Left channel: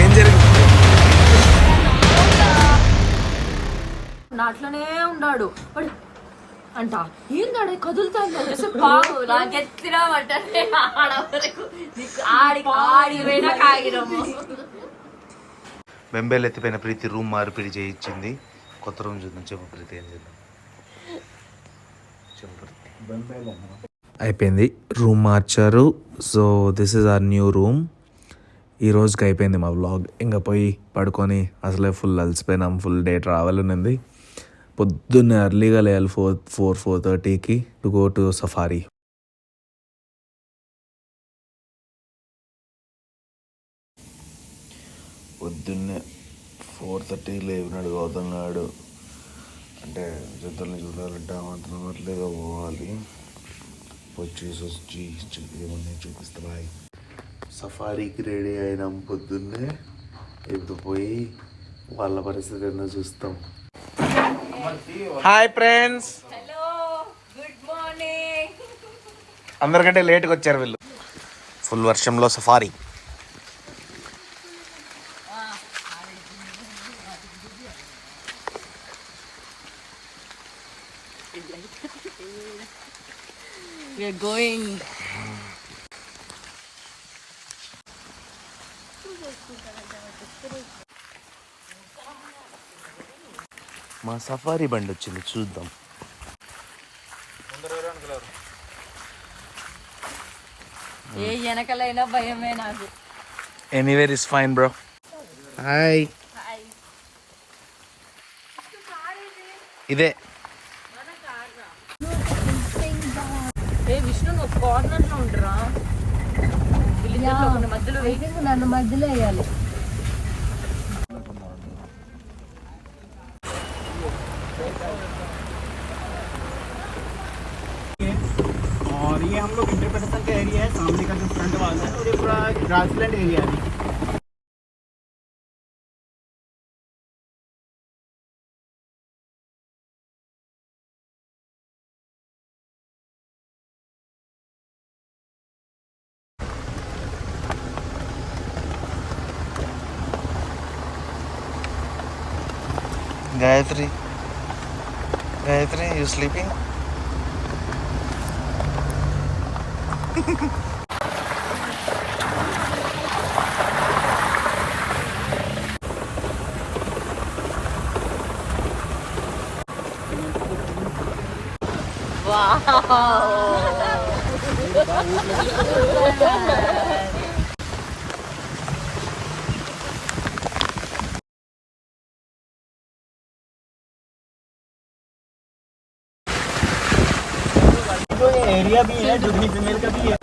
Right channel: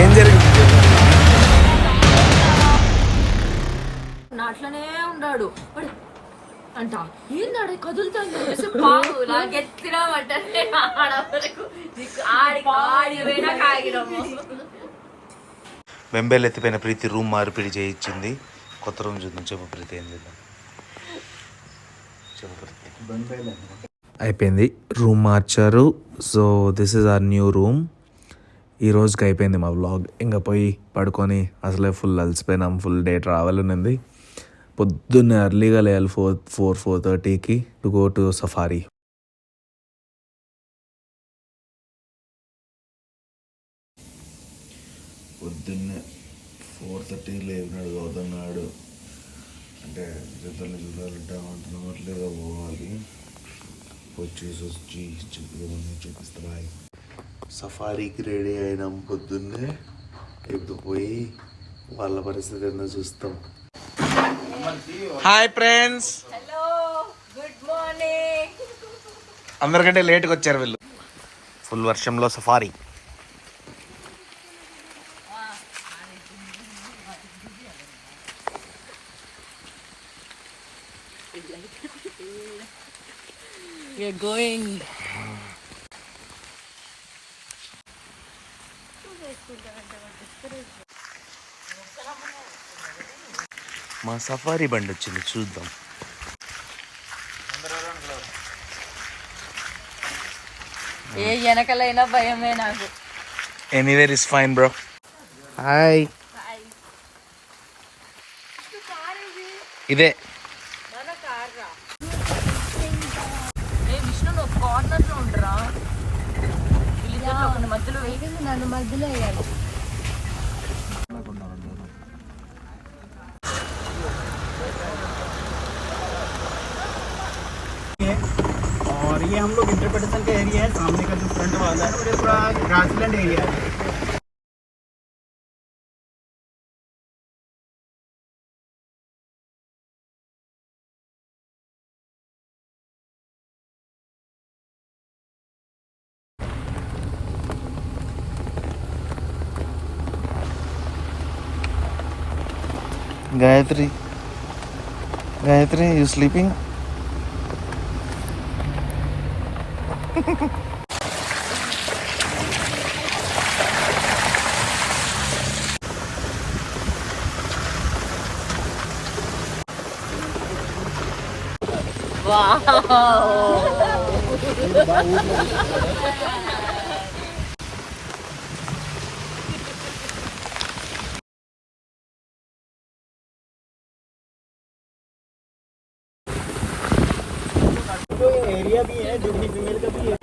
ఏం జరిగింది? అట్లనే ఉన్నాడు అంట. ఏందాడ కదులుతాను బాబు నాకెత్తిరా అంటే బెంబేలు ఎత్తిపోయిన ప్రీతి రూమ్ మార్పిడి చేయించింది. కొత్త రూమ్ చూద్దాం. చెప్పు ప్రీతి, ఏం చేద్దాం? చెప్పు ప్రీతి. అయిపోయింది, రూమ్ మార్చారు. So this is our new room. ఈ రోజుకి అయిపోయింది మా వ్లాగ్. ఇంకా పోయి పడుకొని అసలే ఫుల్ అలసిపోయినాం. ఫుల్ డే ట్రావెల్ ఉన్నది. పొద్దున్నే అర్లీగా లేయాలి 4:30కి టు గో టు సఫారీ. పొద్దున్నే 4:30 లేవినాడు గౌతమ్నాడు. అంటే జంతువులని చూడాలంటే అట్లేగా పోవాలి. వచ్చి ఏమన్నా చూపిస్తా. బాయ్. సఫారీకి రెడీ అయినాం పొద్దున్నే. ఇప్పుడు పోయి వాళ్ళ పరిస్థితి ఏందో చూస్తాం. Hi friends. Hello, good morning. అందరికంటే లేట్గా వచ్చారు వీళ్ళు. ఫుల్ వర్షంలో సఫారీ. We are going. మా సఫారీ బండి వచ్చింది, చూద్దాం. ఏ వెనకలైనా భయమే నాకు. Anywhere is fine bro. Hi. ఇదే విష్ణు, నువ్వు కార్నర్ లో ఉండరా? మధ్యలో నన్ను మధ్యలో వేయాలి. और ये हम लोग इंटरप्रिटेशन का एरिया है. सामने का जो फ्रंट वाला है वो पूरा ग्रासलैंड एरिया है. Gayatri, you sleeping? एरिया भी है, जुगनी फीमेल का भी है.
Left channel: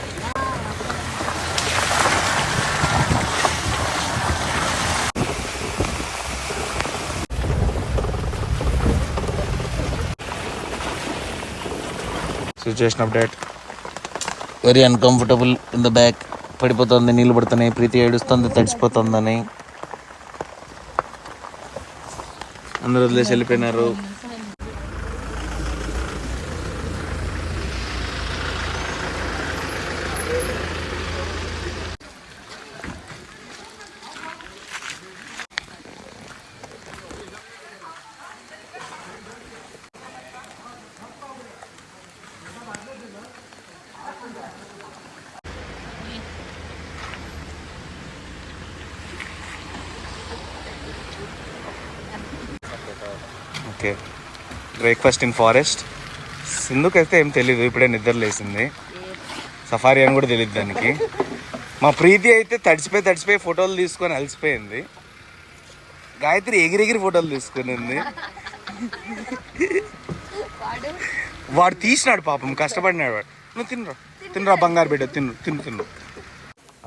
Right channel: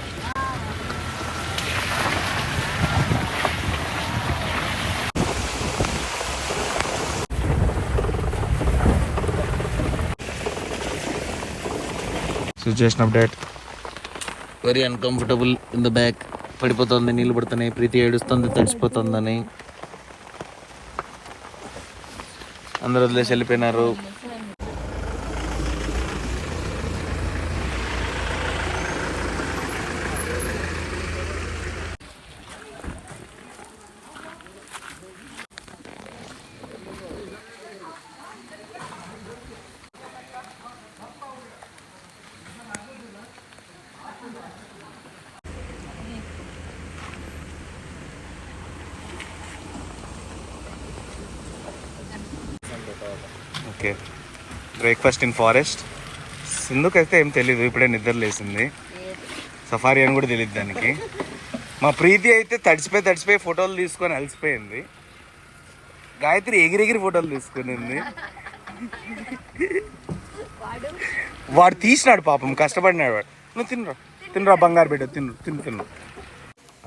Situation update. Very uncomfortable in the back. పడిపోతుంది, నీళ్ళు పడుతున్నాయి. ప్రీతి ఏడుస్తుంది తడిసిపోతుందని. అందరూ వదిలేసి వెళ్ళిపోయినారు. Okay, breakfast in forest. సింధుకైతే ఏం తెలీదు, ఇప్పుడే నిద్ర లేసింది. సఫారీ అని కూడా తెలియదు దానికి. మా ప్రీతి అయితే తడిసిపోయి ఫోటోలు తీసుకొని అలసిపోయింది. గాయత్రి ఎగిరెగిరి ఫోటోలు తీసుకునింది. వాడు తీసినాడు పాపం, కష్టపడినాడు వాడు. నువ్వు తినరా బంగారు బిడ్డ, తిను.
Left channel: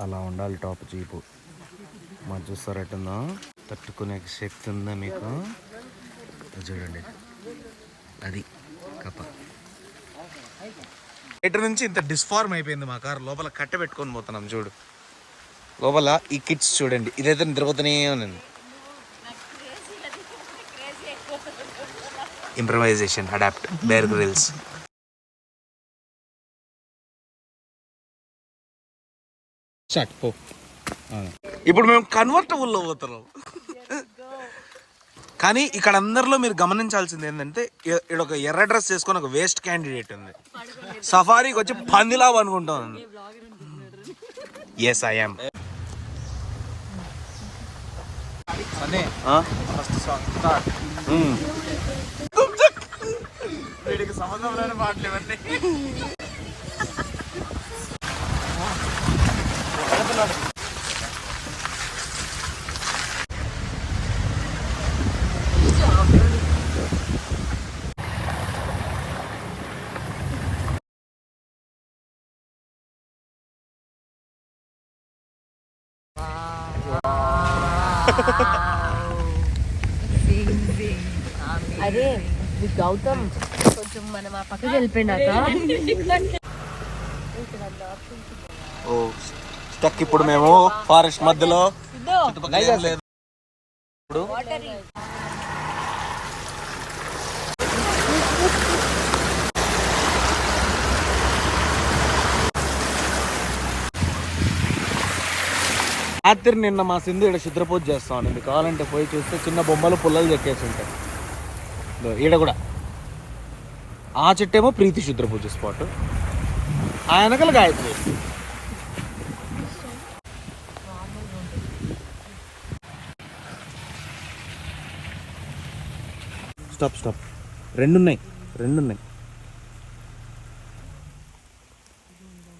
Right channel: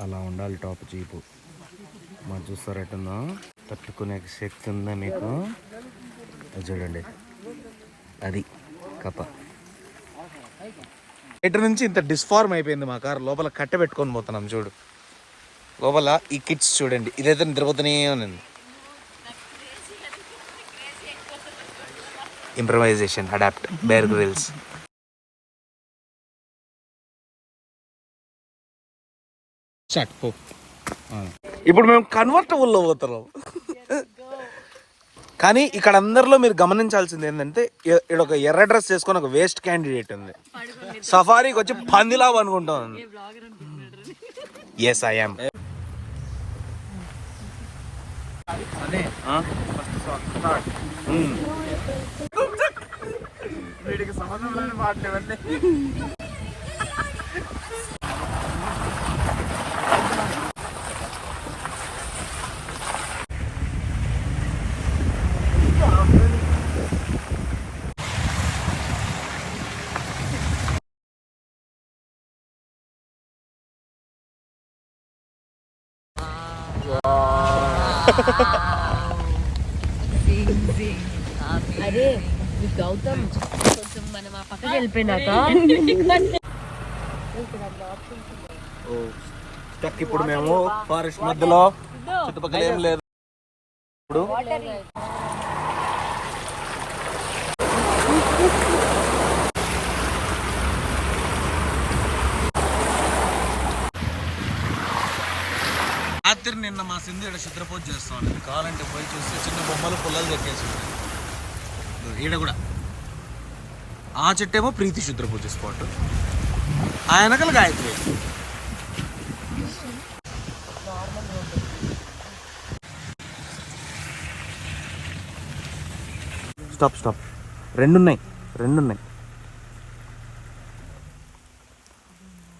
అలా ఉండాలి టాప్ జీపు. మా చూస్తారట్టుందా, తట్టుకునే శక్తి ఉందా మీకు? చూడండి, అది కప్ప. బయట నుంచి ఇంత డిస్ఫార్మ్ అయిపోయింది మా కార్. లోపల కట్ట పెట్టుకొని పోతున్నాం. చూడు లోపల ఈ కిట్స్ చూడండి. ఇదైతే నిద్రపోతూనే ఉంది. Improvisation, adapt, Bear Grylls. Start. ఇప్పుడు మేము కన్వర్టబుల్లో పోతున్నాం. కానీ ఇక్కడ అందరిలో మీరు గమనించాల్సింది ఏంటంటే ఇక్కడ ఒక ఎర్ర డ్రెస్ చేసుకొని ఒక వేస్ట్ క్యాండిడేట్ ఉంది. సఫారీకి వచ్చి పందిలా అనుకుంటాను. Yes I am. వీడికి సంబంధం లేని మాటలు ఇవన్నీ. అరే గౌతమ్ కొంచెం మనం ఆ పక్కకి వెళ్ళిపోయినాక స్టక్. ఇప్పుడు మేము ఫారెస్ట్ మధ్యలో, చుట్టుపక్కల ఏం లేదు. ఇప్పుడు రాత్రి నిన్న మా సింధు ఇక్కడ చిత్రపూజ చేస్తాం. ఇది కావాలంటే పోయి చూస్తే చిన్న బొమ్మలు పుల్లలు చెక్కేసి ఉంటాయి. ఈడ కూడా ఆ చెట్టేమో ప్రీతి చిత్రపూజ స్పాట్, ఆ వెనకలు గాయత్రి. Stop stop. రెండున్నాయి.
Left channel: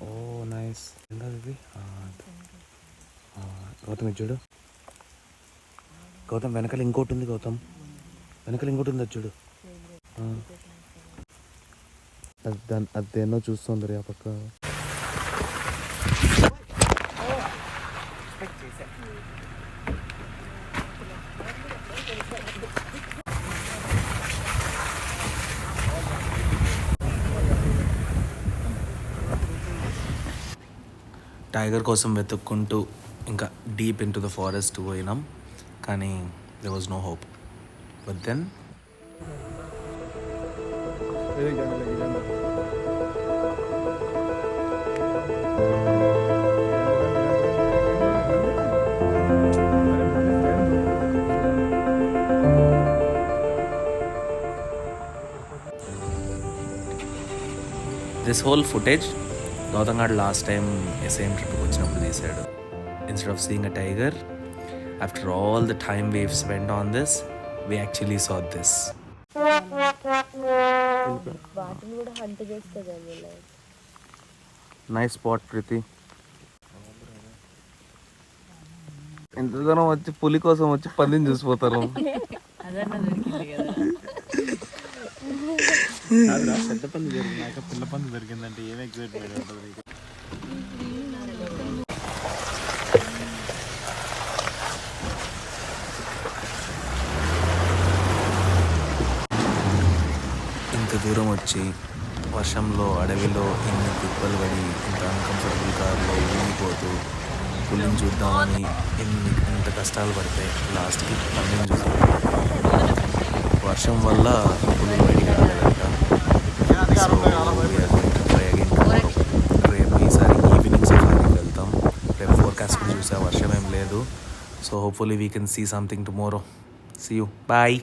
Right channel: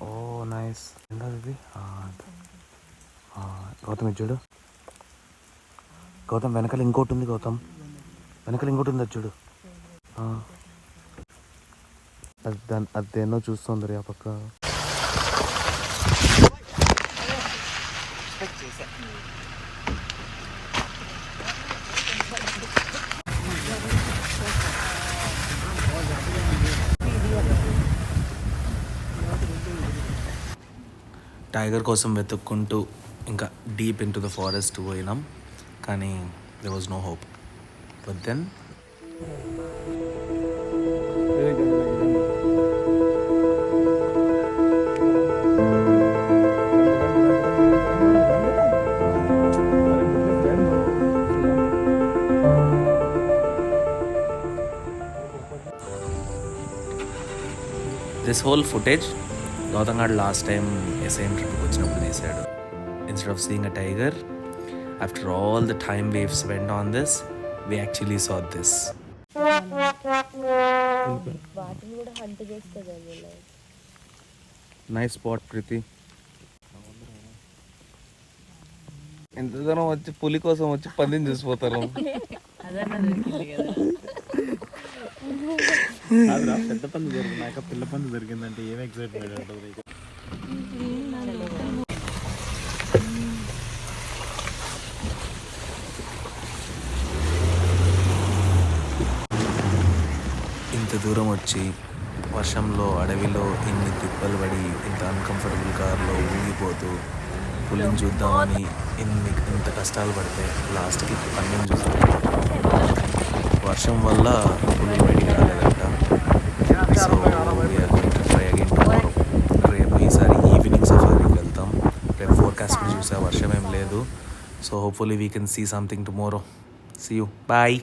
Oh nice. ఏంటది? గౌతమ్ ఇది చూడు. గౌతమ్ వెనకాల ఇంకోటి ఉంది. గౌతమ్ వెనకాల ఇంకోటి ఉంది, అది చూడు. అది దేన్నో చూస్తుంది ఆ పక్క. టైగర్ కోసం వెతుక్కుంటూ ఇంకా deep in to the forest పోయినాం, కానీ there was no hope. But then this whole footage Gautam Gad last time same trip వచ్చినప్పుడు తీసాడు. Instead of seeing a tiger, after all the time we've spent on this, we actually saw this. Nice spot, Priti. ఎంత దూరం వచ్చి పులి కోసం వచ్చి పందిని చూసిపోతారు. పెద్ద పంది దొరికినాక పిల్ల పంది దొరికిందంటే ఏం ఎక్సైట్మెంట్ ఉంటుంది. ఇంత దూరం వచ్చి వర్షంలో అడవిలో ఇన్ని తిప్పలు పడి ఇంత అన్కంఫర్టబుల్ కార్లో ఊగిపోతూ పులిని చూద్దామని ఇంత కష్టాలు పడితే లాస్ట్కి పందిని చూసి వర్షం వల్ల పులి బయటికి రాలేదంట. So we're going to try again tomorrow. రేపు ఈసారి ఈవినింగ్ సఫారీకి వెళ్తాం. రేపు ఫోర్కాస్ట్ కూడా చూసా, వర్షం ఏం లేదు. So hopefully we can see something tomorrow. See you, bye.